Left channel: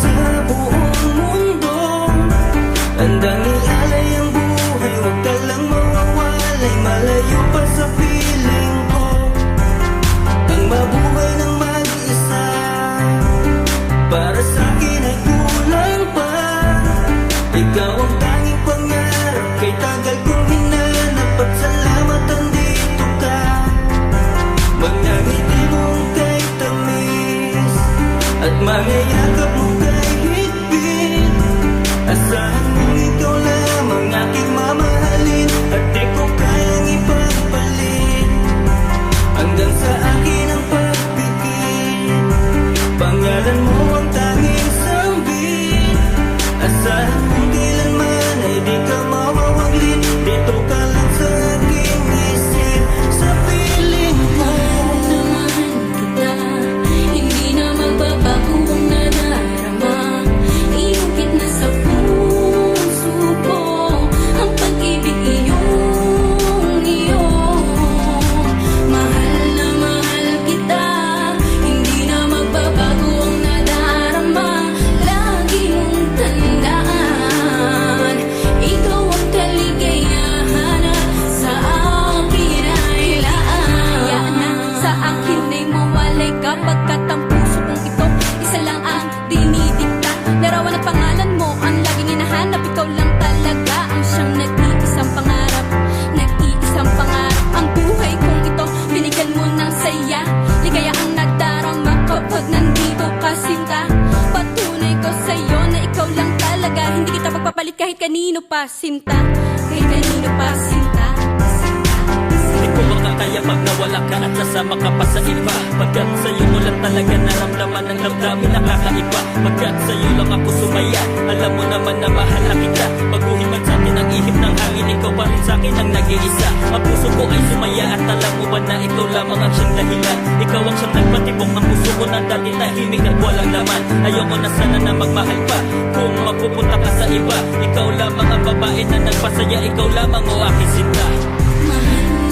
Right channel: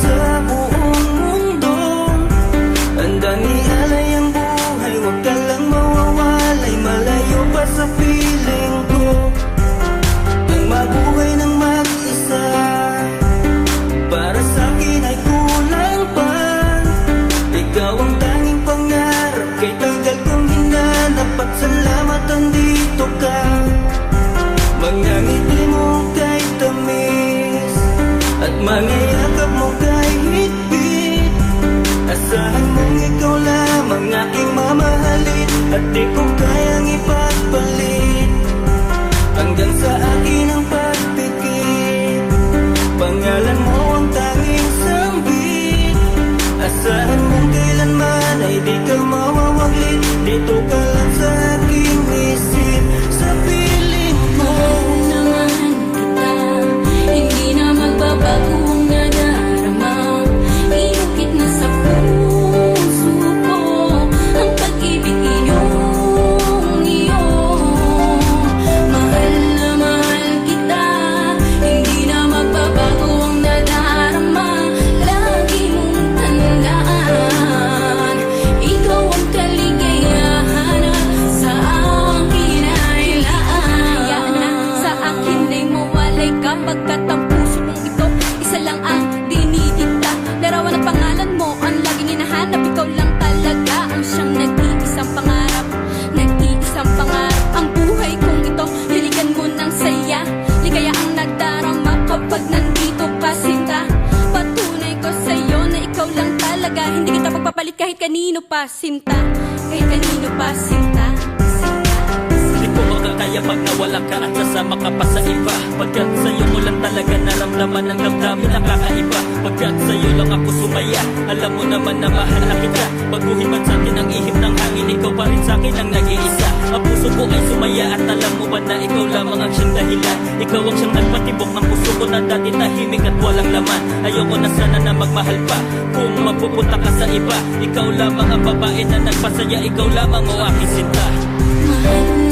sa buong mundo. Handang ialay ang buhay, huwag ka lang mawawalay. Malayo pa sa piling ko ang mabuhay ng mag-isa. Para sa'kin ay kulang pa. Ikaw ang tanging pangarap, kay tagal kong hinanap. At salamat andito ka. Mga ngiti mo kay tamis, at mga yakap mo kay higpit. Asahan mong ikaw lamang aking mamahalin, at di ko kayang ipagpalit. Hanggang sa akin ang pagpikit, pangalan mo ang tanging sambit. Asahan mong kailanman ay di ka mawawaglit. Dito ka lang sa aking isip, sa piling ko. Mahal kita, hindi na magbabago ang nadarama. Inukit na sa puso ko ang pag-ibig iyong iyo. Mahal na mahal kita, hindi na magbabago ang nadarama. Lagi mong tandaan, ikaw ang kaligayahan at sa akin ay laan. Hayaan na sa akin ay mawalay kapagkat ang puso kong ito isa lang ang dinidikta. Larawan at pangalan mo ang laging hinahanap. Ikaw lang talaga ang siyang nag-iisang pangarap. Nag-iisang pangarap ang buhay kong ito. Binigyan mo ng saya, ligaya ang nadarama kapag nandito ka, sinta. Patunay ko sa'yo na ikaw lang talaga. Hindi kita pagpapalit kahit kanino pa, sinta. Kahit kanino pa, sinta. Di ko makakaya pag nawala ka at sasama ka pa sa iba. Pagkat sa'yo ko lang talaga naramdaman ang damdamin nakakaiba. Pagkat sa'yo lang ako sumaya, alam mo naman na mahal na kita. Baguhin man sa'tin ang ihip ng hangin, ikaw pa rin sa'kin ang nag-iisa. Ang puso ko ay sumaya at alam mo ba na ikaw lamang ang siyang dahilan. Ikaw ang siyang nagpatibok ng puso ko na dati tahimik at walang laman. Ayoko na sana na magmahal pa kung mapupunta ka sa iba. Ikaw lamang ang babae na nagpasaya, ikaw lamang o aking sinta. Mahal